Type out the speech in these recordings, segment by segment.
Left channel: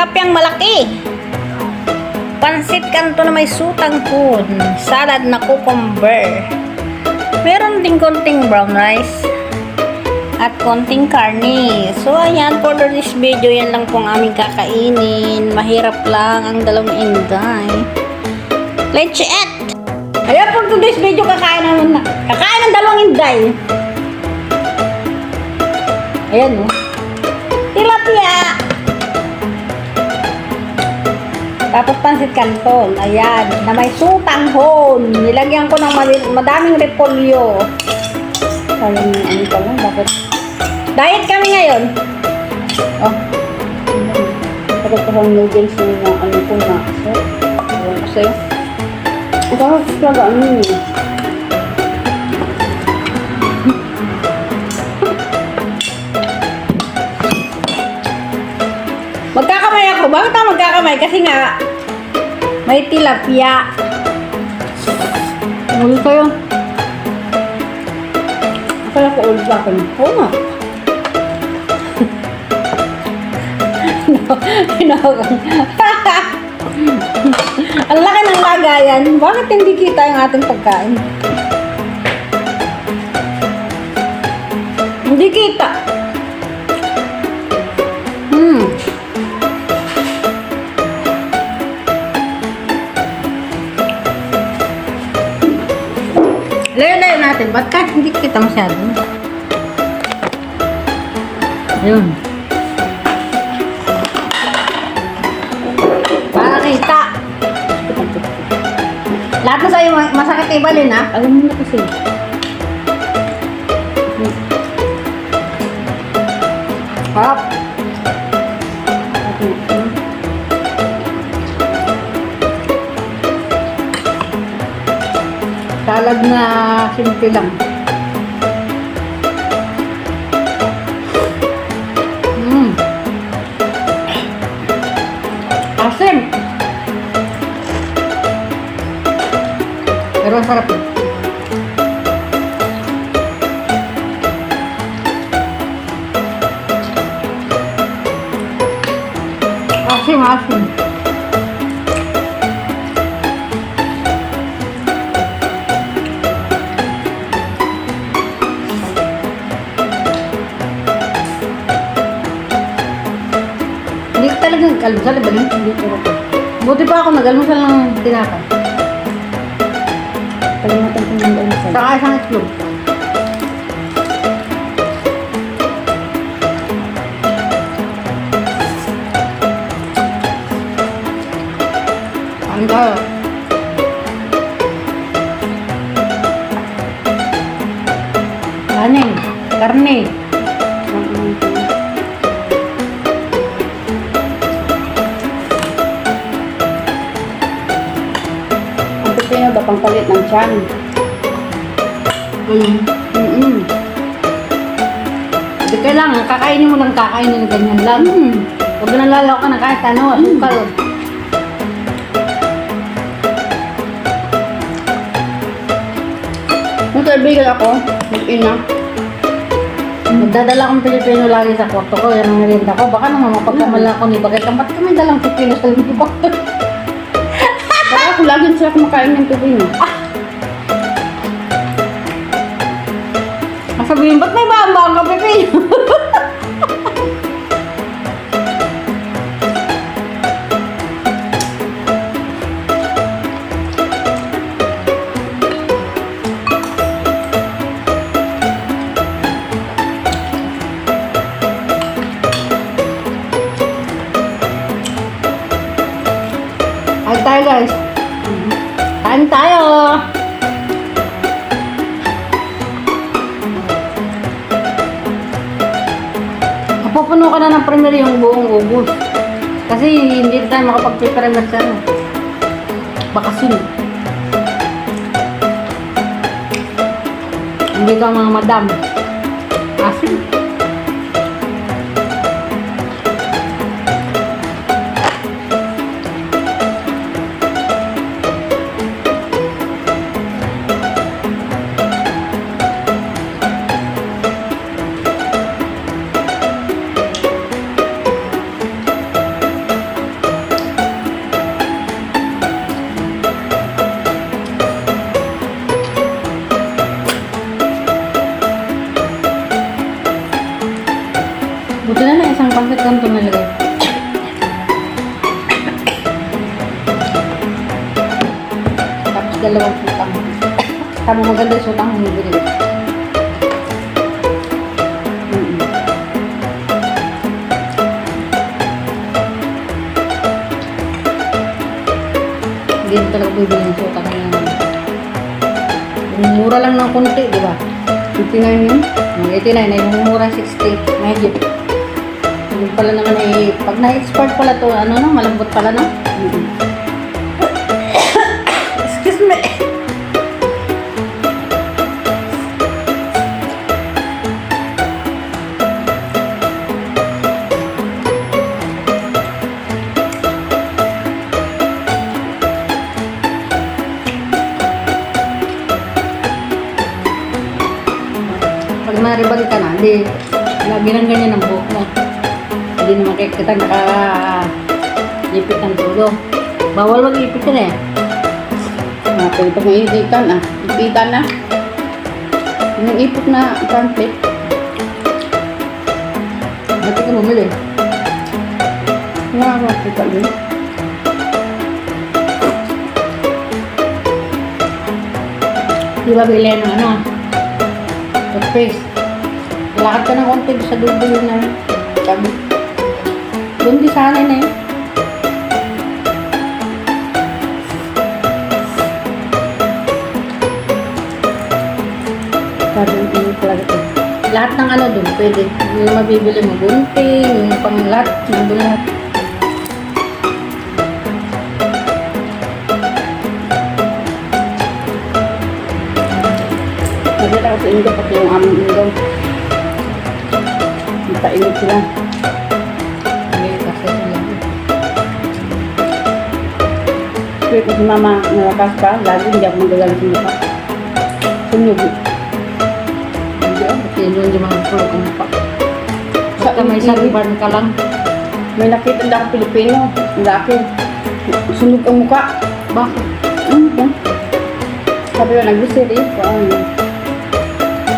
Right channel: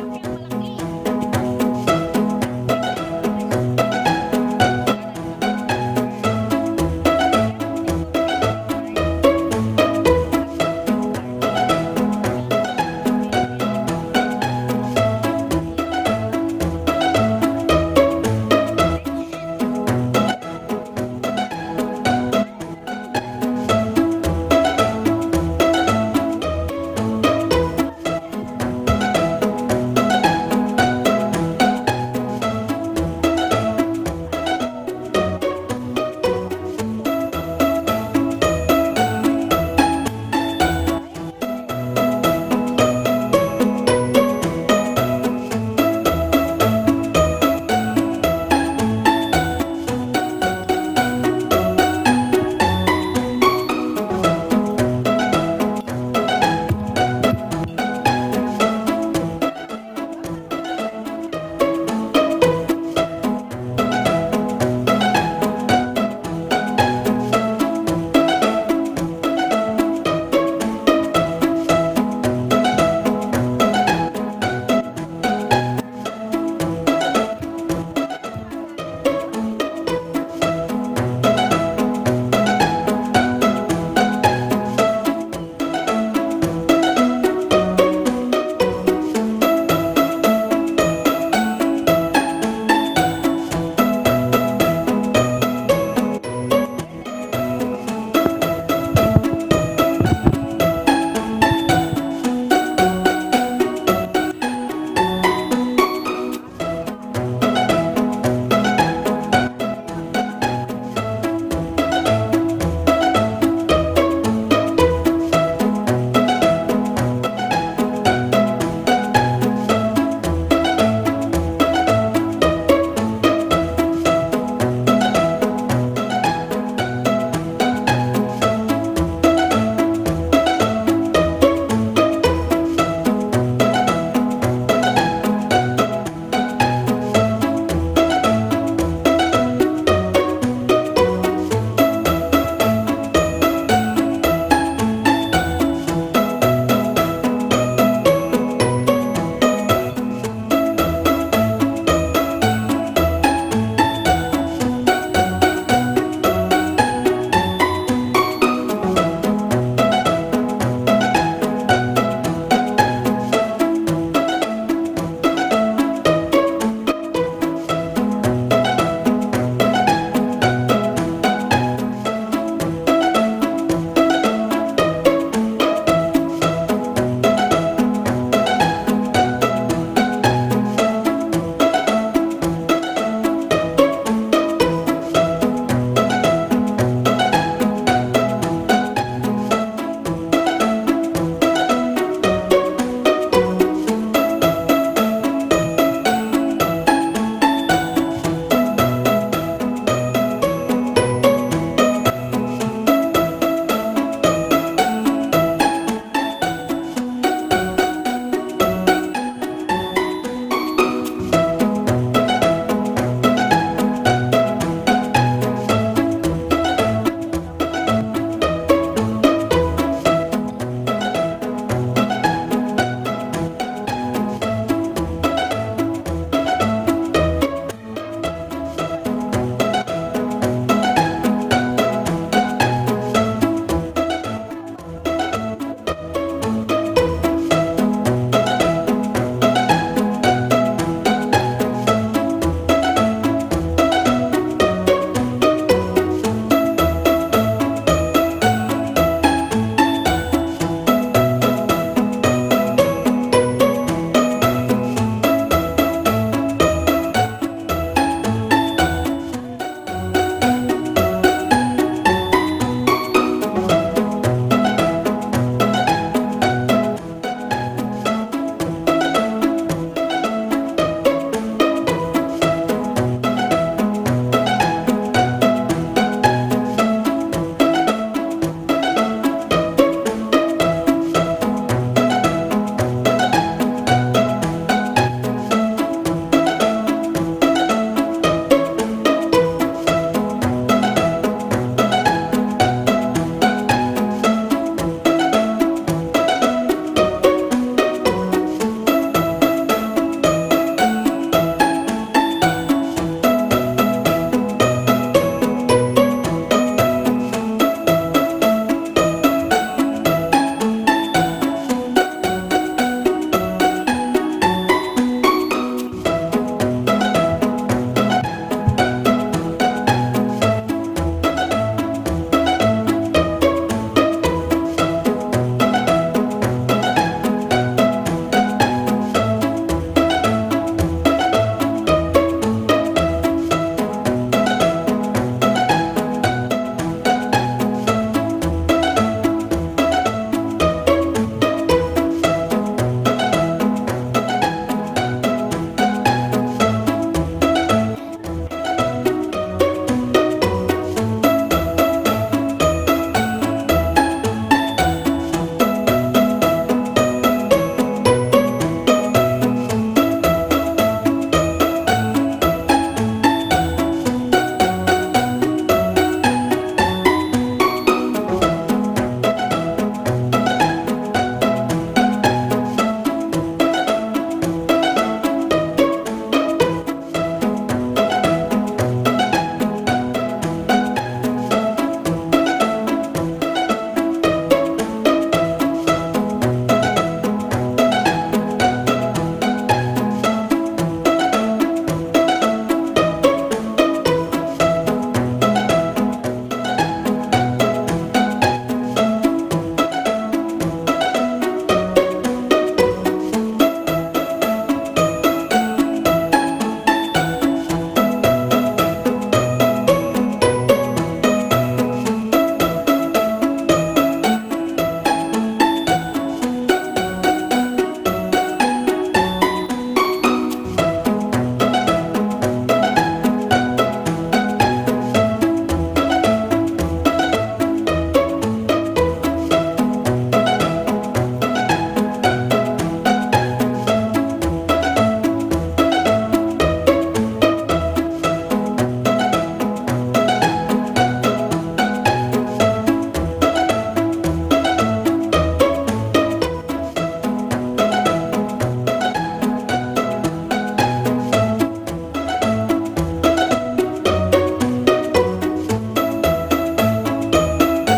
tilapyang malaki. Pansit kanto na may sutang hon. Salad na cucumber. Meron ding konting brown rice. At konting karne. So, ayan, for this video, yan lang pong aming kakainin. Mahirap lang ang dalawang inday. Let's eat! Ayan, for today's video, kakain ng dalawang inday. Ayan, oh. Tilapia! Tapos pansit canton. Ayan, na may sutang hon. Nilagyan ko ng madaming repolyo. Ayun, ano pa lang, bakit? Diet kami ngayon. Oh. Pero ito bang noodles na ano po na. So, ito ako talaga ano yun. Magkakamay ako. Bakit ako magkakamay? Kasi nga, may tilapia. Ano kayo? Kaya ko ulit ako. Oo nga. Ang laki ng lagayan. Bakit hindi kita yung ating pagkain? Hindi kita. Layo-layo natin. Ba't kahit hindi kita masyado? Ayun. Lahat na sa'yo masakit ibalin, ha? Alam mo na kasi. Harap. Salad na simple lang. Asim. Pero ang sarap. Asim, asim. Hindi ka talaga nag-almusal, ba yun? Buti pa ako nag-almusal ng tinapay. Saka isang itlog. Ano tayo? Kanin. Karne. Ito siya ba pang palit ng tiyan? Hindi kailangan, kakainin mo lang kakainin ng ganyan lang. Huwag na lalaw ka na kahit ano, asukal. Nung kaibigan ako, mag-ina, magdadala akong Pilipino lagi sa kwarto ko, yan ang narinda ko. Baka naman mapagkamala ako ni Bagay lang, ba't kami dalang Pilipino sa libig ko? Baka ako lagi sila kumakain ng Pilipino. Sabihin, ba't may bambang ka, Pepe? Kain tayo, guys. Kain tayo. Pupuno ka na ng premier yung buong ubos. Kasi hindi tayo makapag-prepare sa bakasyon. Hindi ka mga madam. Asin. Dala na isang packet ganito na lang. Tapos dalawang sutang. Tama maganda yung sutang humibili. Hindi na talaga bibili yung sutang. Mura lang ng konti, di ba? 59 yun. 89 na yung mura 60. Medyo. Yung pala naman eh, pag na-export pala to, ano no, malambot pala no? Excuse me. Pag maribag ka na, hindi, lagi ganyan ang buhok mo. Hindi naman kayo kita naka-ipit ng dulo. Bawal mag-ipit ka na eh. Pwede pa may ipitan ah. Ipitan na. Yung ipot na pamphlet. Bakit ka bumili? Kita mo. Di ba bili ng ano? Toothpaste. Lakad ka ng konti sa dulo na tabi. Doon di sana na eh. Lahat ng ano doon, pwede. Yung mabibili mo, gunting, yung panglat, yung bulat. Nagkita ko sa inyo pati yung aming inyo. Nagpainit sila. Kaya ko si mama nalakas pa, lagi hindi ako magalang sa mukha. Sunyugi. Kasi doon di mga pulong ang pa. Saka may sariban ka lang. May nakita na ako Pilipino. Ang laki. Sunog ang mukha. Ba? Sabi ko, nag-visit eh.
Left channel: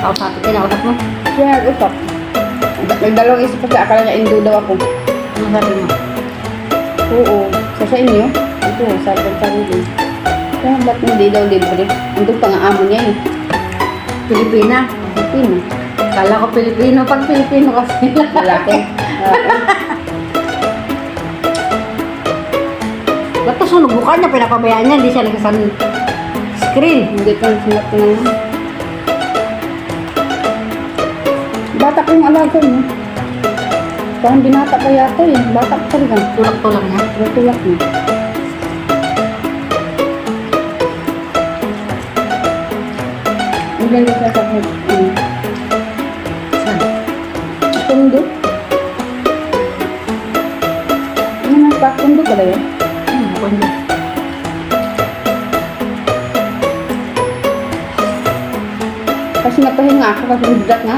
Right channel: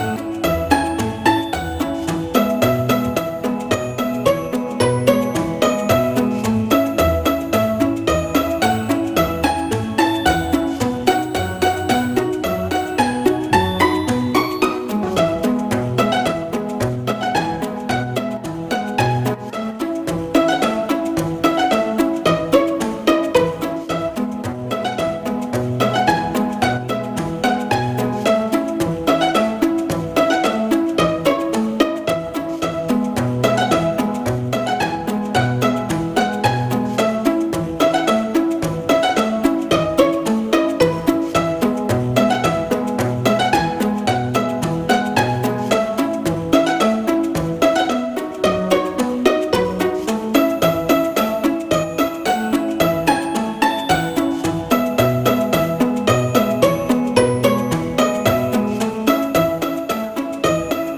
Ako sa atin, kinausap mo. Kaya nag-usap. May dalawang isip kasi akala niya indo daw ako. Ano sabi mo? Oo. Sa inyo? Ito, sabi ko sarili. Kaya ba't hindi daw libre? Ito pa nga amo niya eh. Pilipina. Pilipino. Kala ko Pilipino. Pag Pilipino kasi. Lalaki. Ba't ito sunog bukan niya? Pinapabayaan niya. Hindi siya nagsasan screen. Hindi ko nasinap na. Bata ko yung alaga mo. Parang binata pa yata eh. Bata ko talaga. Tulak-tulak niya. Tulak mo. Ang ganda ka sa Tundo? Ano nang tundo ka daw? Bukan niya. Kasi napahinga ako kasi bigat nga.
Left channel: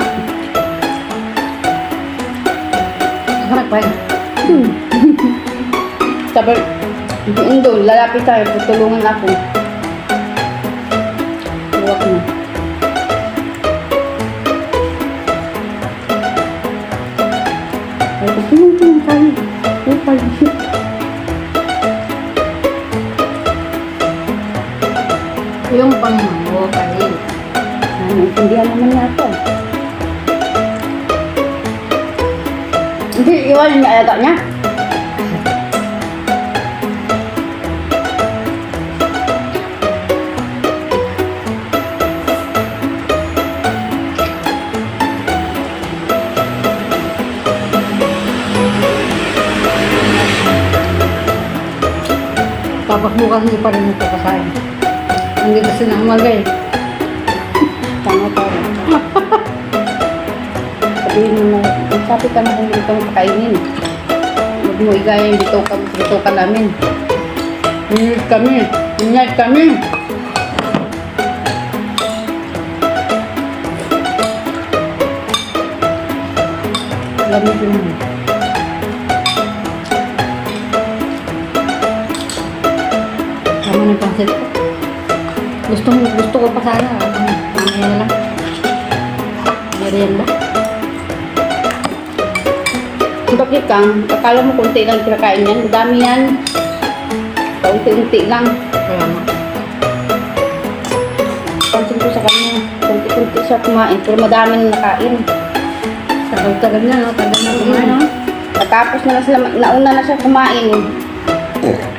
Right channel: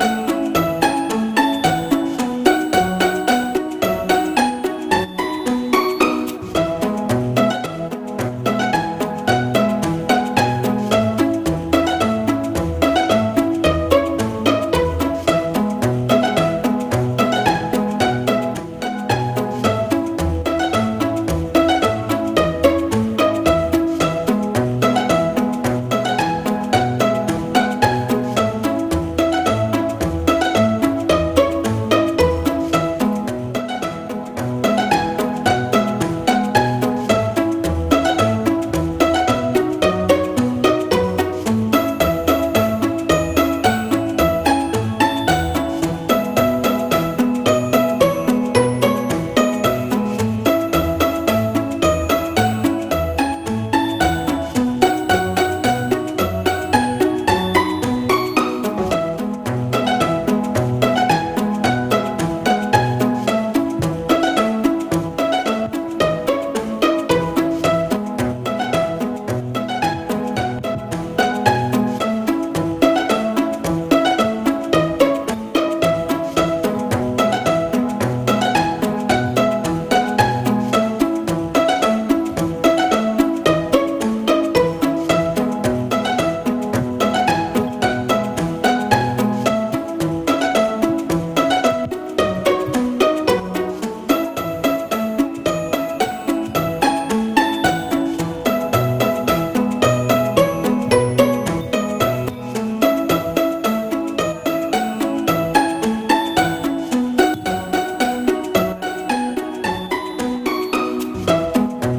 Harap pa yun. Sabi, hindi, lalapit tayo, tutulungan ako. Huwag mo. Ay, gusto mo ito, kaya. Yung pang-buka rin. Naintindihan naman niya ako. Hindi, iwan yung naayata niya. Tapos bukas hindi pa rin nagpapasahin. Hindi kasi na umaga eh. Tama-tama. Sabihin mo, sabi ka na kung hindi ka magkainin. Huwag mo igaya yung bito ka namin. Inyat kami. Gamitin mo. Tama ng pansit ko. Gusto ko pa sana. Ano na lang. Merienda. Bakit kang, akala mo konti lang kinakain yan. Ang dami yan. Paunti-unti lang. Pansin ko sa kanya. Konti-unti siya kumain. Pero madami na nakain. Tagal na, no? Tagal na kumain, no? Natapos na sila, nauna na siya kumain.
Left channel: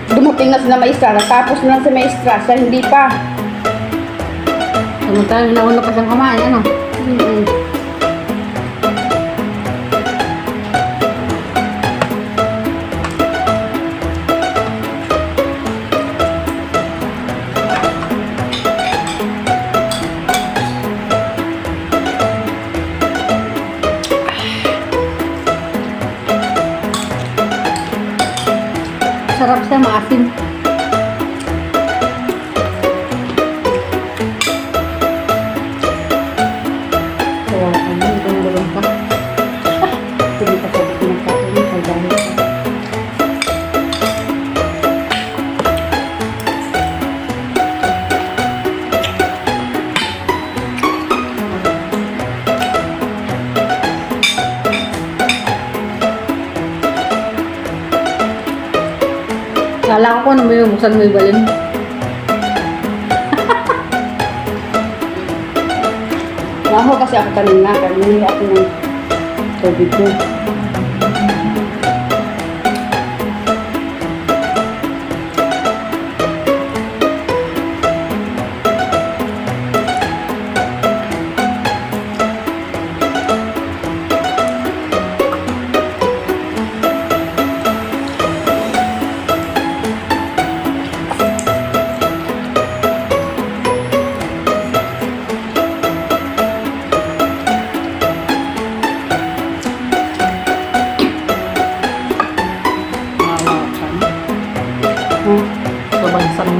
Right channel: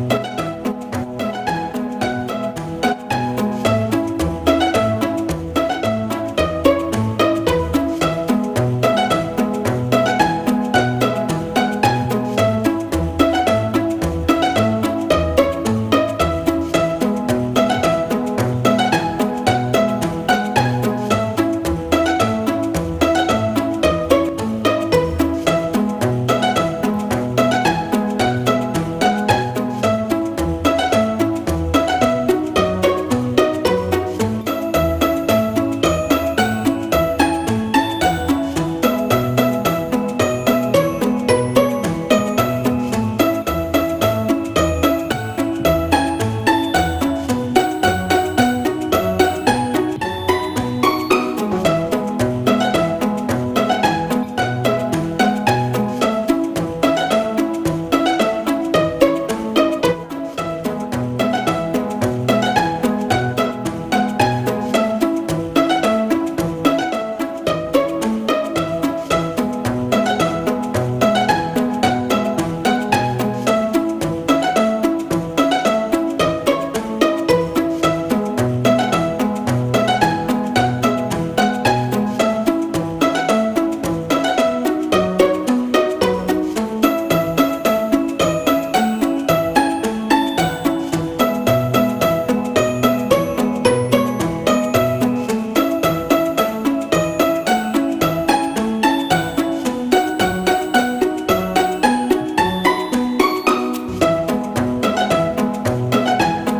Dumating na sila maestra. Natapos na lang sa maestra. Siya hindi pa. Samantala, nauna pa siyang kumain, ano? Sarap siya, maasim. Kala ko ano mo yung buksan mo yung balon. Naho kasi ako kanina. Kanina ako ng tubig ko. Ito ba isang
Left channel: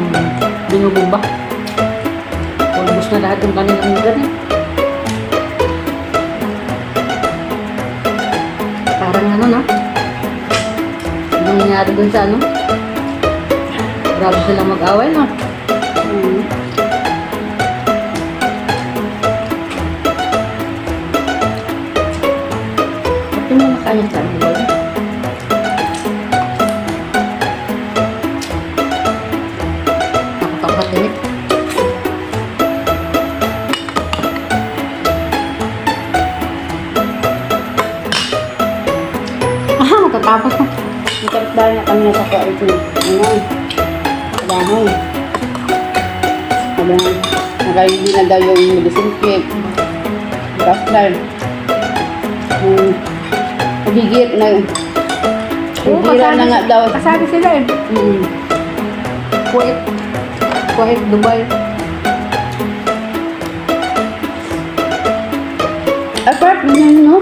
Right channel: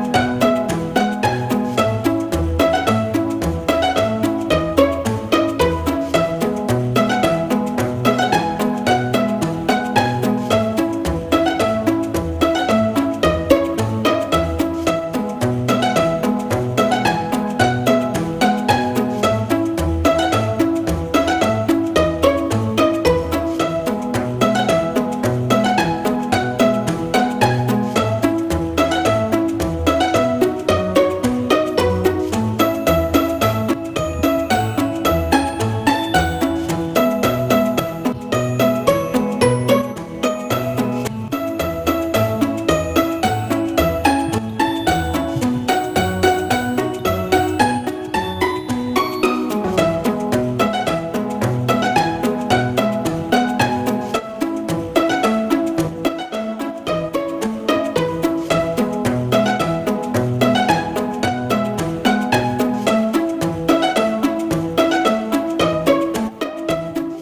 binubong ba? Almost na lahat yung kanilang ulan eh. Parang ano, no? Anong nangyari dun sa ano? Grabe sila mag-away, no? Pati mo makain sa ano? Nakakapagalik. Matatapos na. Ang dahil na kami nasa ito. Ano? Dahil. Nagay hindi na daw yung medicine cake. Gaslan. Bigit na. Bigila na nga daw. Kasali sila eh. Kuwait. Kuwait, Dubai. Apart na yun, no?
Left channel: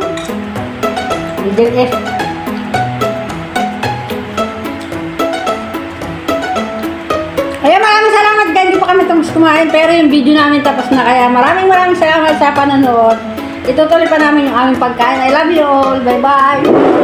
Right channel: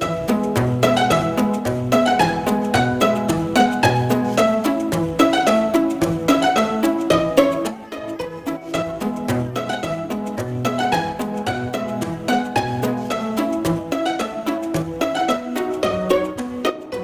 Middle East. Kaya maraming salamat guys. Hindi pa kami tapos kumain. Pero yung video namin tapos na. Kaya maraming salamat sa panonood. Itutuloy pa namin yung aming pagkain. I love you all. Bye-bye.